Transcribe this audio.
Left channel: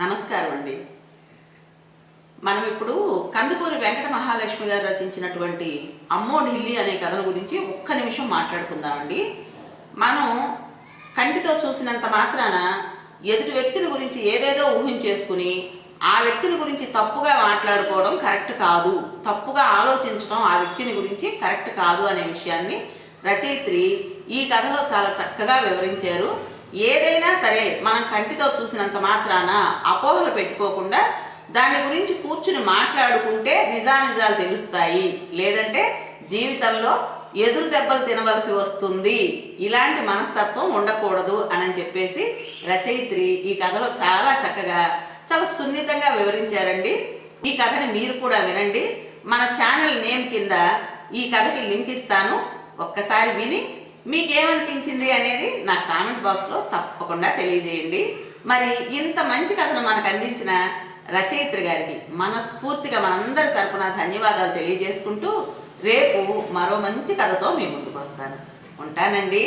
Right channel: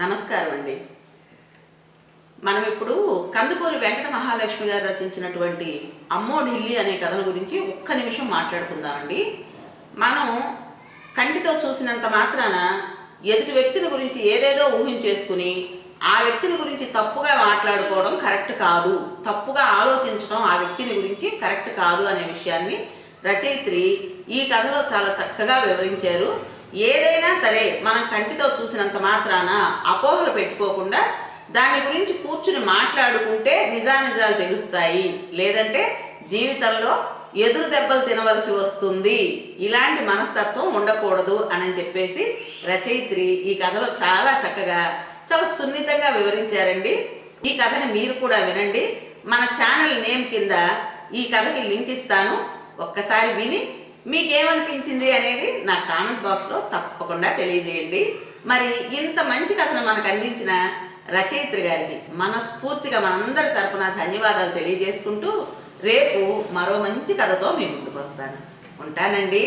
నమస్కారం అండి. మనం ఇప్పుడు కందుకూరి వెంకట మహాలక్ష్మి గారు రచించినటువంటి అమ్మో ఢిల్లీ అనే కథను గురించి ఒక్క నిమిషం మాట్లాడుకుందామండి. మనం కంటితో చూసినంత మాత్రాన ఎదుటి వ్యక్తిని గురించి ఏదేదో ఊహించేసుకుని ఆ వ్యక్తిని గురించి తప్పుగా మాట్లాడుకోవడం కరెక్ట్ కాదు, తప్పుగా ఆలోచించడం ఆ వ్యక్తిని గురించి కరెక్ట్ కాదు అనే విషయాన్ని రచయిత్రి ఈ కథలో చాలా చక్కగా వివరించారు. ఏదైనా సరే మనం కంటితో చూసినంత మాత్రాన అపోహలు పెట్టుకోకుండా దాని గురించి కూర్చుని మాట్లాడుకుంటే నిజానిజాలు తెలుస్తాయి, లేదంటే జీవితంలో ఎదురు దెబ్బలు తినవలసి వస్తుంది. ఇలాంటి మనస్తత్వం ఉండకూడదు అని చెప్పేసి రచయిత్రి ఈ కథలో చాలా చక్కగా చాలా సున్నితంగా వివరించారండి. ఈ కథని మీరు కూడా వినండి. మన ఛానల్ నేమ్ కింద ఈ కథకి లింక్ ఇస్తాను, ఒక్కసారి విని మీకేమనిపించింది అనేది నా కామెంట్ బాక్స్లో తప్పకుండా తెలియజేయండి. మరి ఇంత మంచి కథను మనకు అందించిన రచయిత్రి గారికి మనస్ఫూర్తిగా మనందరి తరపున ధన్యవాదాలు తెలియజేసుకుంటూ రేపు మరో మంచి కథతో మీ ముందుకు వస్తాను. ఉంటానండి.